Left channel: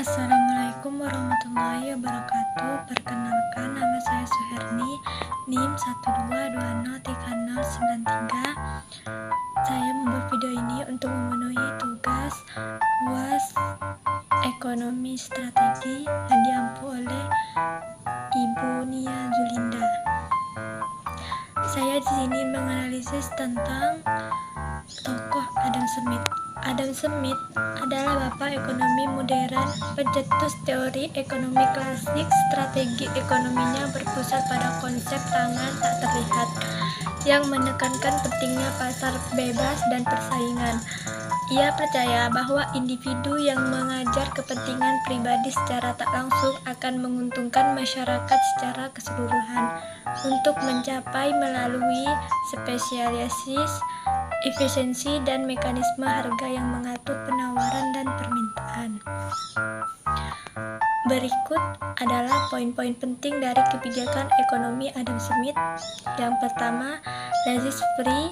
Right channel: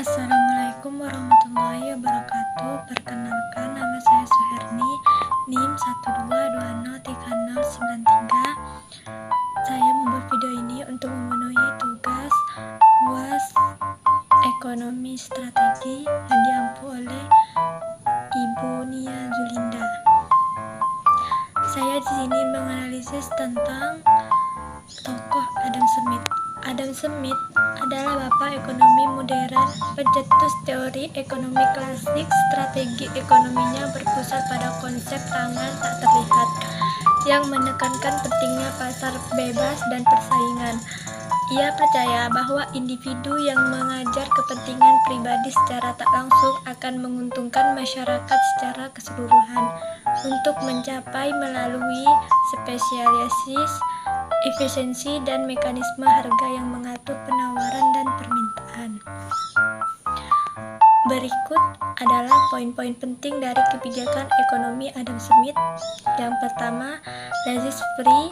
Assalamualaikum warahmatullahi wabarakatuh. Perkenalkan, nama saya Suherni, NIM 122203093. Saya membuat video ini untuk memenuhi tugas UAS Ekonomi Strategi yang diampu oleh Ibu Nia Zulinda. Saya di sini menganalisis tentang tokoh Adam Smith. Adam Smith adalah bapak ekonomi modern, pencetus teori ekonomi klasik. Strategi ekonominya berpusat pada konsep tangan tak terlihat yang menekankan pentingnya pasar bebas dan persaingan. Ia percaya bahwa individu yang mengajar kepentingan pribadi secara tak langsung akan menguntungkan masyarakat secara keseluruhan untuk mencapai melalui spesialisasi, efisiensi, dan mekanisme harga yang mengatur penawaran dan permintaan. Berikut adalah poin-poin penting dari kebijakan ekonomi Adam Smith. Yang pertama, laissez-faire.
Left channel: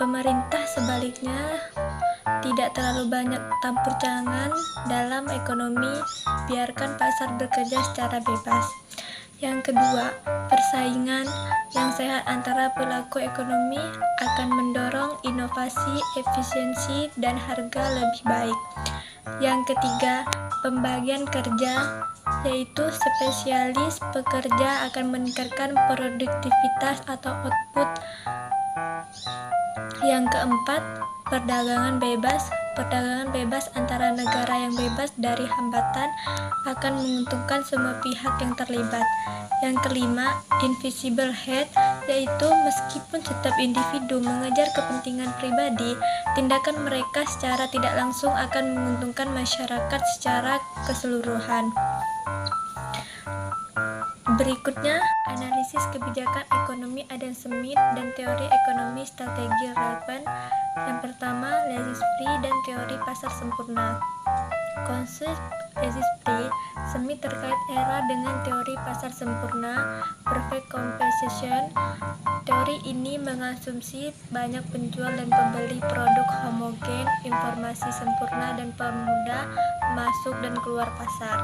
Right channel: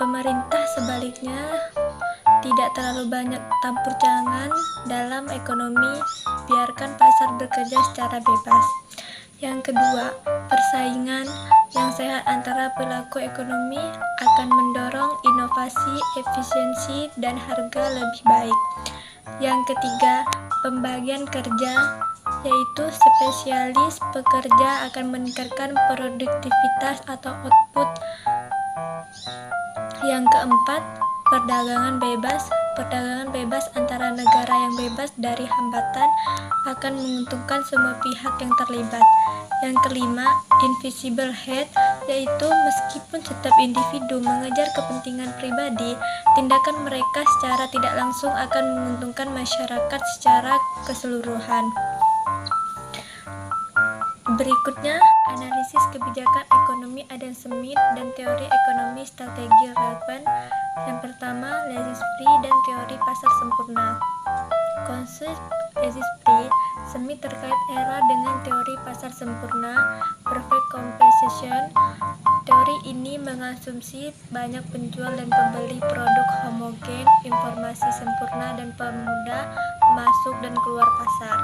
Pemerintah sebaliknya tidak terlalu banyak campur tangan dalam ekonomi, biarkan pasar bekerja secara bebas. Yang kedua, persaingan yang sehat antara pelaku ekonomi akan mendorong inovasi, efisiensi, dan harga lebih baik. Yang ketiga, pembagian kerja, yaitu spesialis pekerja akan meningkatkan produktivitas atau output. Yang keempat, perdagangan bebas. Perdagangan bebas antara negara yang bebas dari hambatan akan menguntungkan semua pihak yang terlibat. Yang kelima, invisible head, yaitu meskipun setiap individu mengejar kepentingan pribadi, tindakan mereka secara tidak langsung akan menguntungkan masyarakat secara keseluruhan. Berikutnya, analisis kebijakan ekonomi Adam Smith dan teori ekonomi strategi relevan. Yang pertama, laissez-faire dan teori pasar sempurna. Konsep laissez-faire Smith terkait era dengan teori pasar sempurna, perfect competition. Teori ini mengasumsi banyak penjual dan pembeli, produk homogen, informasi sempurna, dan pemudah masuk dan keluar pasar.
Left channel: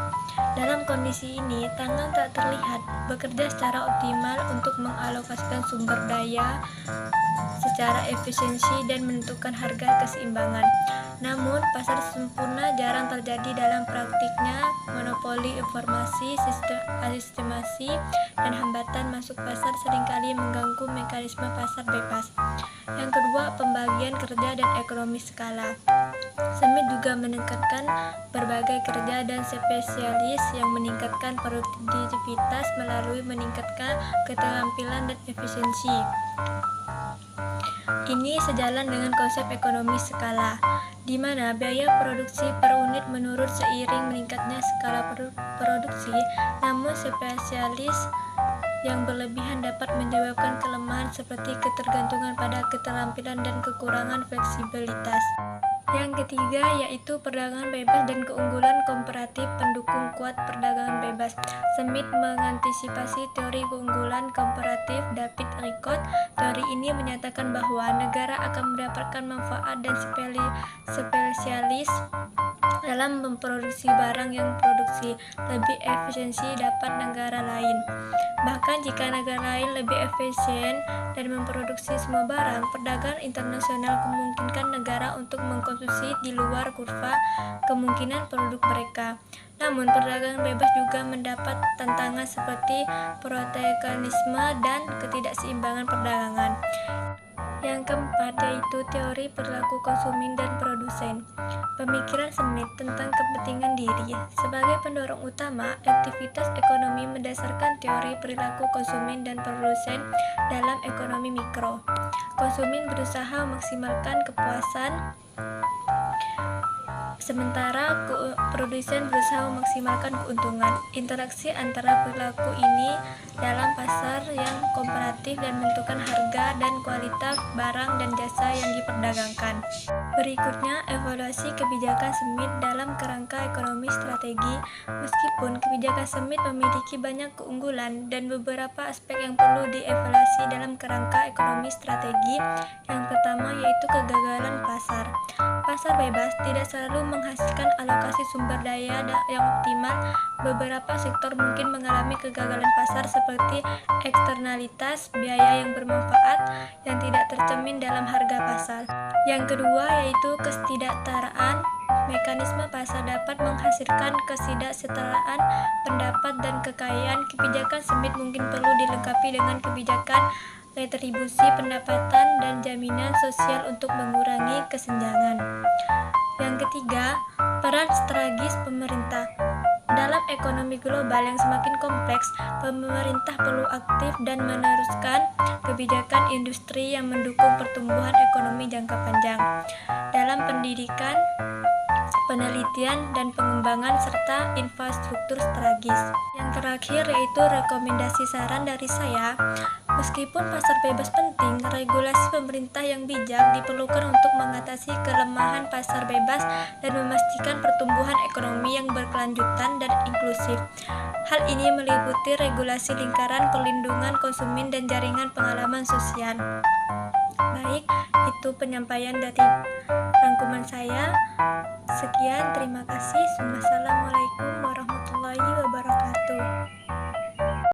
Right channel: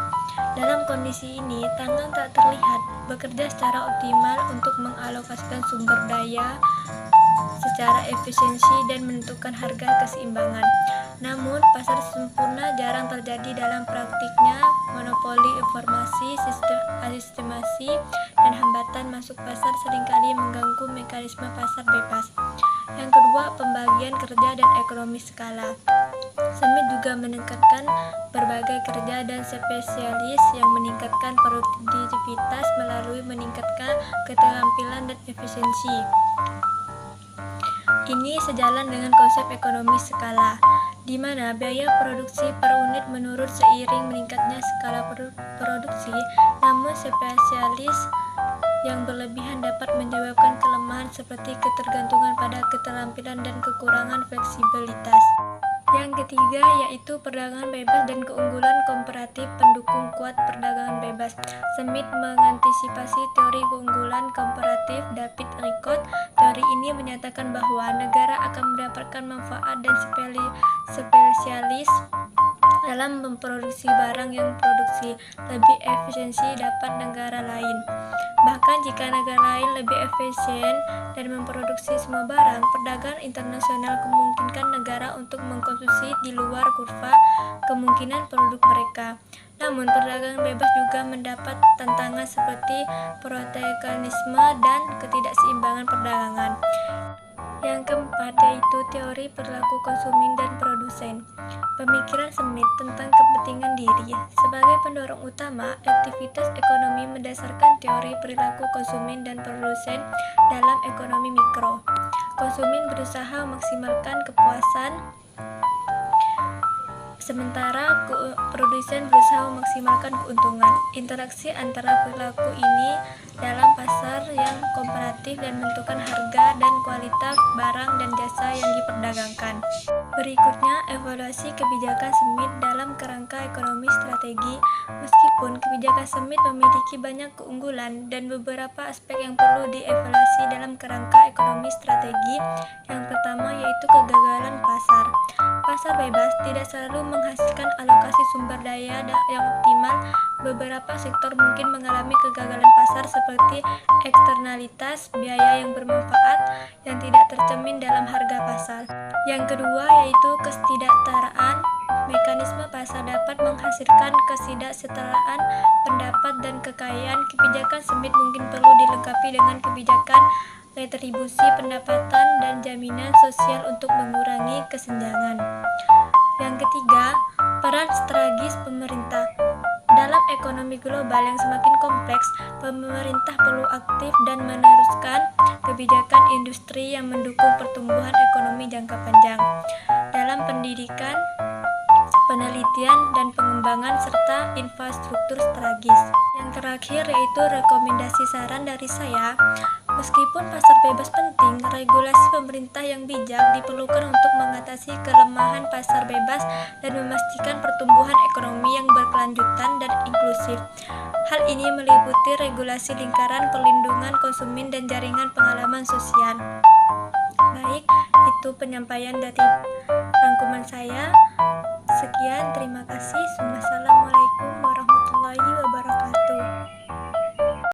Dalam kondisi ini, tangan tak terlihat bekerja secara optimal untuk mengalokasikan sumber daya secara efisiensi dan menentukan harga keseimbangan. Namun, pasar sempurna jarang terjadi dalam praktiknya. Monopoli informasi, sistemasi, dan hambatan masuk pasar seringkali mengganggu mekanisme pasar bebas. Yang kedua, pembagian kerja dan ekonomi skala. Smith juga menekankan berbagai kerja dan spesialis yang meningkatkan produktivitas melalui meningkatkan keterampilan dan efisiensi. Ini sejalan dengan konsep ekonomi skala, di mana biaya produksi per unit menurun seiring meningkatnya skala produksi, namun spesialis yang berlebihan dapat menyebabkan kelemahan seperti ketergantungan pada keterampilan dan kekurangan fleksibilitas. Yang ketiga yaitu perdagangan bebas dan keunggulan komparatif pendukung kuat perdagangan bebas. Smith mengantisipasi teori keunggulan komparatif David Ricardo. Teori ini menyatakan bahwa negara akan mendapatkan manfaat dan spesialis dalam memproduksi barang yang produksi lebih efisiensi dapat negara lain. Bahkan jika negara lain lebih efisien dan memproduksi semua barang, perdagangan internasional memungkinkan negara untuk mengkonsumsi di luar kurva kemungkinan produk mereka. Namun, perdagangan bebas juga mendapat tantangan seperti proteksionisme dan ketidakseimbangan perdagangan. Yang keempat yaitu teori perilaku konsumen dan produsen. Pemikiran Smith tentang kepentingan diri sebagai pendorong utama aktivitas ekonomi berdasarkan teori perilaku konsumen dan produsen dalam ekonomi mikro. Konsumen berusaha memaksimalkan kepuasan, sementara produsen berusaha memaksimalkan keuntungan. Interaksi antara perilaku ini dalam pasar yang komparatif dan menentukan harga dan kualitas barang dan jasa yang diperdagangkan. Berikutnya, evaluasi kebijakan Smith dalam kerangka ekonomi strategi. Meskipun kebijakan Smith memiliki banyak keunggulan dan beberapa aspek yang perlu dievaluasi dalam kerangka ekonomi strategi, yang pertama yaitu kegagalan pasar. pasar bebas tidak selalu menghasilkan alokasi sumber daya yang optimal. Beberapa sektor mungkin mengalami kegagalan pasar seperti eksternalitas biaya yang bermanfaat yang tidak tercermin dalam harga pasar. Yang kedua yaitu ketidaksetaraan. Mekanisme pasar dapat menghasilkan ketidaksetaraan pendapat dan kekayaan. Kebijakan sempit mungkin perlu dilengkapi dengan kebijakan retribusi pendapatan dan jaminan sosial untuk mengurangi kesenjangan. Yang ketiga, peran strategis pemerintah. Dalam ekonomi global yang semakin kompleks, pemerintah perlu aktif dan meneruskan kebijakan industri yang mendukung pertumbuhan ekonomi jangka panjang. Dalam pendidikan, penelitian dan pengembangan serta infrastruktur strategis. Yang terakhir yaitu rekomendasi saran dari saya. Meskipun pasar bebas penting, regulasi pemerintah yang bijak diperlukan untuk mengatasi kelemahan pasar bebas dan memastikan pertumbuhan ekonomi yang berkelanjutan dan inklusif. Hal ini meliputi regulasi lingkaran perlindungan konsumen dan jaringan pengalaman sosial. Baik, itu penyampaian dari rangkuman saya. Sekian, terima kasih. Wassalamualaikum warahmatullahi wabarakatuh.